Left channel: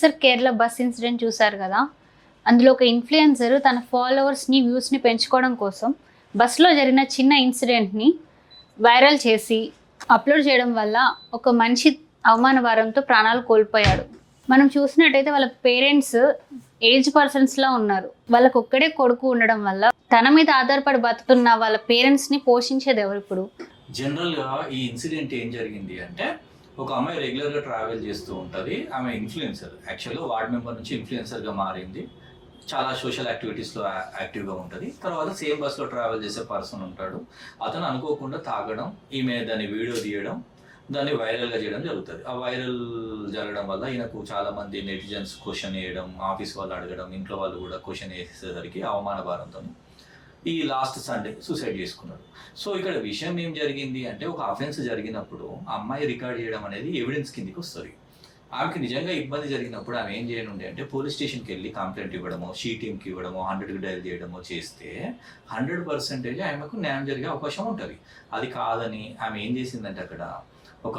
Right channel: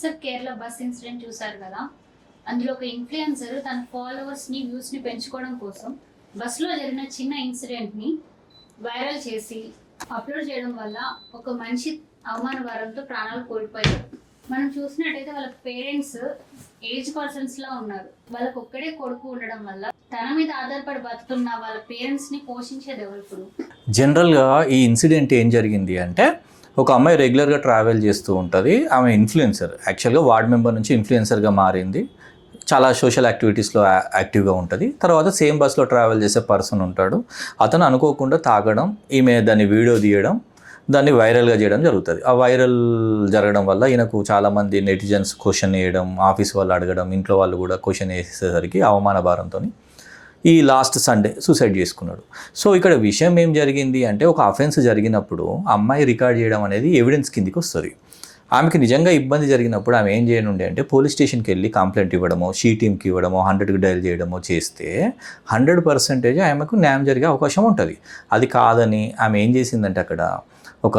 Sir Kerala bus incident చూసారు కదా. అందులో ఒక ఇన్ఫ్లుయెన్సర్ తన ఫాలోవర్స్ని వ్యూస్ని పెంచుకోవడం కోసం బస్సులో జరిగిన చిన్న ఇన్సిడెంట్ని వైరల్ చేసి అప్లోడ్ చేయడం వల్ల ఒక మనిషి అవమాన భారంతో ప్రాణాలు కోల్పోయాడు. మనం చూసినట్టయితే వాళ్ళ పేరెంట్స్ ఏజ్ పర్సన్స్లా ఉన్నారు. వాళ్ళకు ఒక్కడే కొడుకు ఉండడం వల్ల తన మీద ఆధారపడి బతుకుతున్న వాళ్ళ పేరెంట్స్ని పోషించేది ఎవరు? ఇప్పుడు జనరల్గా ఈ ఇన్సిడెంట్ ఏం జరిగింది అంటే, ఒక అమ్మాయి రెగ్యులర్గా ట్రావెల్ చేస్తూ ఉంటుంది. ఆమె ఇన్ఫ్లుయెన్సర్, యాక్చువల్గా వార్డ్ మెంబర్ నుంచి ఇన్ఫ్లుయెన్సర్గా మారింది. చాలా సోషల్ యాక్టివిటీస్లో యాక్టివ్గా ఉంటుంది. తర్వాత సేమ్ బస్లో ట్రావెల్ చేసే పర్సన్ ఉంటాడు. అతను అనుకోకుండా తాగడం, ఈమె దాన్ని వీడియో తీయడం, దాన్ని వైరల్గా చేయడం జరుగుతుంది. ఆ వైరల్ జరగడం వల్ల ఈయనకు చాలామంది నెటిజన్స్ క్వశ్చన్ వేయడం, ఆఫీస్ వాళ్ళు అడగడం, ఇంట్లో వాళ్ళు కూడా క్వశ్చన్ వేసేసరికి అవమాన భారంతో ఈ లాస్ట్ సండే సూసైడ్ చేసుకున్నాడు. సో ఇక్కడ విషయం ఏం జరిగింది అంటే, ఒక అఫెన్స్ జరిగినప్పుడు అమ్మాయి రికార్డ్ చేయడం అనేది ఎవిడెన్స్ కిందికి వస్తుంది. ఆమెకి నిజంగా ఇబ్బంది జరిగినప్పుడు ఆమె ఏం చేయనుండే అంటే, పోలీస్ స్టేషన్కి వెళ్ళి కంప్లైంట్ ఇవ్వడమో, షీ టీమ్కి ఇవ్వడమో, 100కి డయల్ చేయడమో చేస్తే 100% ఆమెకు న్యాయం జరిగే అవకాశం ఉంటుంది. అది కాదని ఆమె ఏం చేసిందంటే, అక్కడ ఒక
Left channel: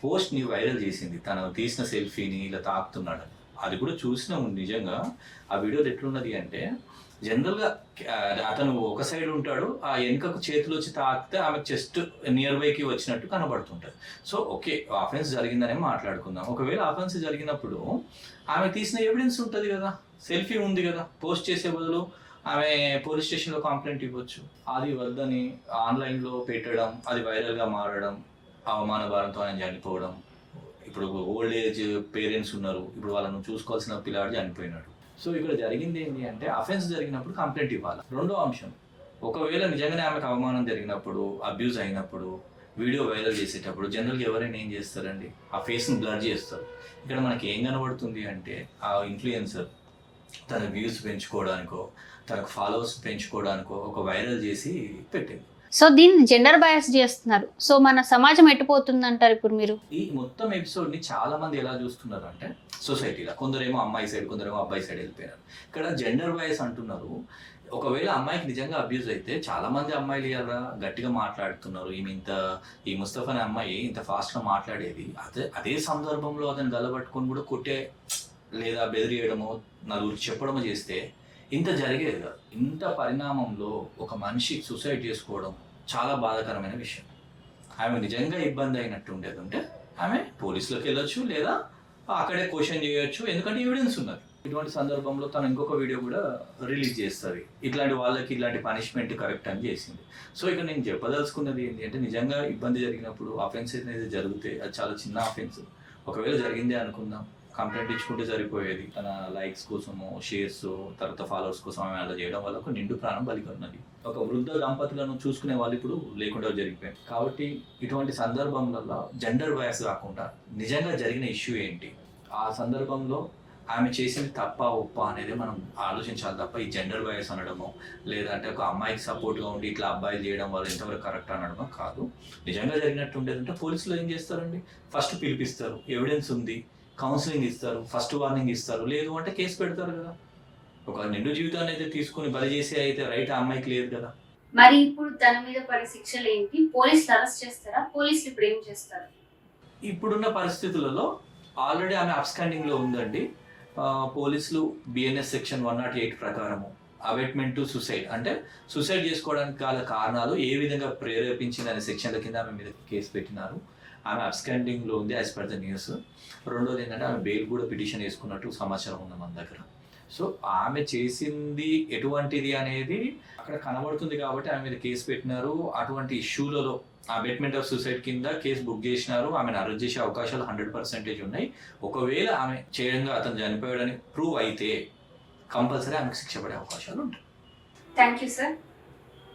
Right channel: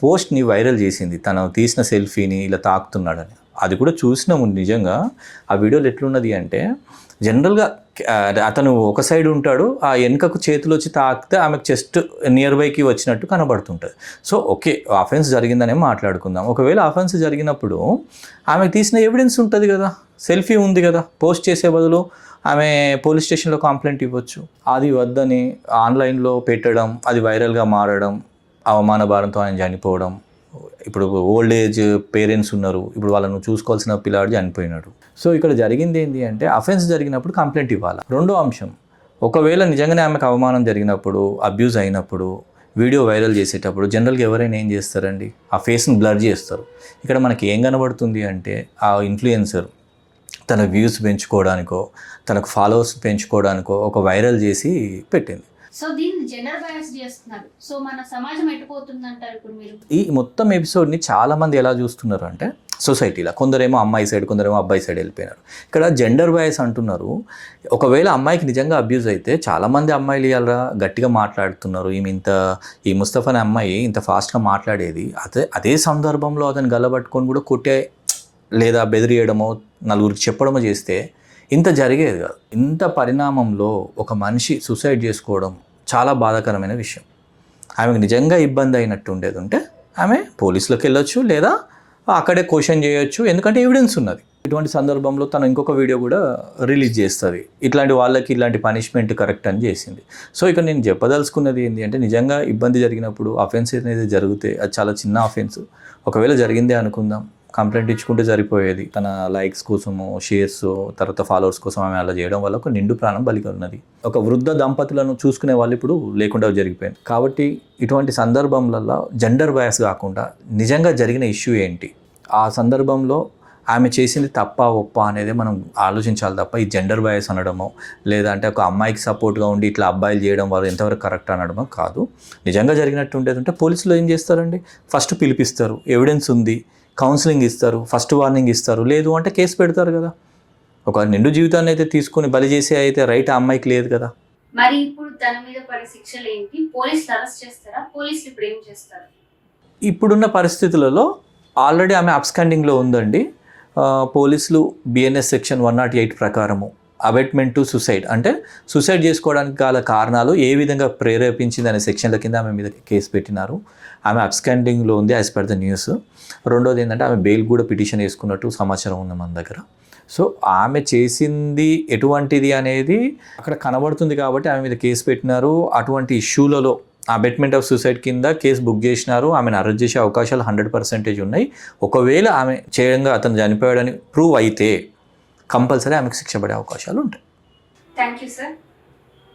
పోస్ట్ని వైరల్ చేసింది. తను తీసిన సెల్ఫీని ఇలా తాకుతున్నాడని. అది కూడా చూసినాము. నిజంగా ఆ వీడియోలో ఎట్లున్నది అంటే, జనరల్గా అతను ఒక సైడ్ ఉంటాడు, ఆ వెనుకకు చేతులు వచ్చి తాకితే ఆమెకు చెస్ట్ నియర్ బైకి వచ్చినట్టు కనబడుతుంటుంది. సో ఓకే, అఫెన్స్ జరిగిందనే మాట్లాడుకుందాం. ఒకవేళ అఫెన్స్ జరిగినప్పుడు ఆమెకు తీసిన ఎవిడెన్స్ ఉంటుంది కదా, సెల్ఫీ ఉంది కదా, పోస్ట్ చేసే బదులు ఆమె పోలీస్ స్టేషన్లో కంప్లైంట్ ఇవ్వచ్చు. అది వద్దని ఆన్లైన్లో పెట్టడం, అది వైరల్గా మారడం, అవమాన భారంతో ఆయన చనిపోవడం. ఇప్పుడు ఓల్డ్ ఏజ్ పేరెంట్స్ ఉన్నారు, ఇప్పుడు వాళ్ళను చూసుకోవాల్సిన పిల్లాడు చనిపోయినాడు. సో ఇక్కడ జరిగింది ఏంటి అంటే, అఫెన్స్ జరిగినప్పుడు కంప్లైంట్ ఇవ్వాలి. రెండో అంశం, ఒకవేళ నిజంగానే ఆమెకు అవమానం జరిగినప్పుడు, అబ్యూజ్ అయినప్పుడు, వీడియో వైరల్ చేసేటప్పుడు జనరల్గా ఎవరైనా ఏం చేస్తారండి, ఆ ఫేస్ని బ్లర్ చేస్తారు. ఇక్కడ మనకి ఏం కనబడుతుంది అంటే, ఆ ఇన్ఫ్లుయెన్సర్ తన వ్యూస్ పెంచుకోవడానికో, తనకు ఫాలోవర్స్ పెంచుకోవడానికో ఒక వైరల్ చేసి పెట్టింది. సో దీన్ని జెండర్ బయాస్ చేస్తున్నారు. సో మన సమాజం ఎట్టిపోతుంది అంటారు ఇప్పుడు మీరు? ఈ మొత్తం ఎపిసోడ్ని చాలామంది ఎలా చూస్తున్నారు అంటే, సొసైటీలో కొందరేమో అమ్మాయి సైడ్, కొందరేమో అబ్బాయి సైడ్ వెళ్ళిపోయినారు. ఇక్కడ జెండర్ బయాస్ అంటున్నారు. ఒకవేళ అమ్మాయికి నిజంగా అబ్యూజ్ అయితే చాలామంది అమ్మాయిలు ఇలా గట్టిగా మాట్లాడుతున్నారు. ఈ ముస్తఫా అనే అమ్మాయి ఇంత ఫాస్ట్గా మాట్లాడేది, అదే సందర్భంలో అతను గల్లబట్టుకొని కూడా కొట్టే లేదా బెదిరియడమో, నలుగురికి చెప్పడమో చేస్తే ఇంత జరిగేది కాదు. ఇంత పరిణామంలో ఒక మనిషి సూసైడ్ చేసుకోవడం చాలా బాధాకరమైన విషయం. ఆమెకు నిజంగా ఇబ్బంది అయినట్టు ఉండేది ఉంటే ఆమె పోలీసులకు వెళ్ళొచ్చు, లేదా అక్కడే క్వశ్చన్ చేయొచ్చు, ఎందుకంటే ఎవిడెన్స్ ఉన్నది. ఇటువంటి సందర్భంలో తను ఇంకొక వీడియో కూడా రిలీజ్ చేస్తుంది, ఇట్లాంటి వాళ్ళకి ఇలాంటి పనిష్మెంట్ కరెక్ట్ అని చేసింది. సో ఇక నేను చెప్పదలుచుకున్నది ఏంటి అంటే, నిజంగా ఇబ్బంది జరిగినప్పుడు అఫెన్స్ అనేది జరిగితే అది చాలా చిన్న అఫెన్స్. ఒకవేళ జరిగిందే అనుకుందాం, కంప్లైంట్ ఇచ్చుకుంటే సరిపోయేది. తన లైక్స్ కోసము, షేర్స్, తర్వాత ఫాలోవర్స్ కోసం ఆమె అలా చేయడం వల్ల ఒక నిండు ప్రాణం బలిగా ఉన్నది. ఒక వృద్ధ దంపతులను చూసుకునే వాళ్ళు ఇప్పుడు లేకుండా జరిగిపోయింది. కాబట్టి ఇటువంటి సందర్భంలో జెండర్ బయాస్ కాకుండా నిజంగా జరిగిన ఇష్యూ ఏంటి, ఆ సందర్భంలో ఆమె చేసింది తప్ప ఒప్ప అనేది మనం ఆలోచించాలి తప్ప, ఈ జెండర్ బయాస్ అనడమో, లేదా అంటే ఒక అమ్మాయికి సపోర్ట్గా ఉండి ఇట్లా అబ్బాయిలు చేయడం వల్ల ఎంతవరకు కరెక్ట్ అనడమో కాదు. నిజంగా జరిగినట్టు ఉండేది ఉంటే పోలీసులు ఏం చేస్తారండి, ఫస్ట్ పిలిపిస్తారు, ఎవిడెన్స్ ఉంది, కౌన్సిలింగ్ ఇస్తారు, ఫస్ట్ వార్నింగ్ ఇస్తారు, లేదు అంటే కేసు పెడతారు కదా. ఒక నిండు జీవితాన్ని అయితే తీసుకుని బలి చేసే అయితే రైట్ ఆ అమ్మాయికి లేదు కదా. మరి ఇప్పుడు తన మీద పడే శిక్షలు ఏంటి? పోలీసులు అరెస్ట్ చేస్తారా? పోలీసులు ఇప్పుడు ఏం చేస్తారు? ఇప్పుడున్న పరిస్థితులలో ఆల్రెడీ ఆమె అబ్స్కాండింగ్లో ఉందండి. పోలీసులు BNS సెక్షన్ 108 ప్రకారము అబెట్మెంట్ టు సూసైడ్, అంటే సూసైడ్ చేసుకోవడానికి గల కారణాలు ఏ విధంగా ప్రేరేపించింది అనే సెక్షన్ల కింద ఆమె మీద కేసు పెట్టినారు. ఆమె అబ్స్కాండింగ్లో ఉంది యాజ్ పర్ ద న్యూస్. రెండోది ఏంటంటే, ఆమె బెయిల్ కూడా పిటిషన్ వేసుకున్నట్టు సమాచారం ఉంది మన దగ్గర. సో ఆమె చేసింది ఎటువంటిది అనేది అక్కడ కనబడుతుంది కాబట్టి ఆమె మీద కేసు పెట్టినారు. అటువంటి ఇష్యూలలో అబెట్మెంట్ ఆఫ్ సూసైడ్ కింద కేసు బుక్ చేసినారు. ఆమెను అరెస్ట్ చేసే అవకాశాలు 100% ఉన్నాయి. ఒకవేళ ఆమె చేయంగా అతను చనిపోయాడని ప్రూవ్ అయితే కంపల్సరీ ఆమెకు శిక్ష పడే అవకాశాలు ఉంటాయి. Thank you sir.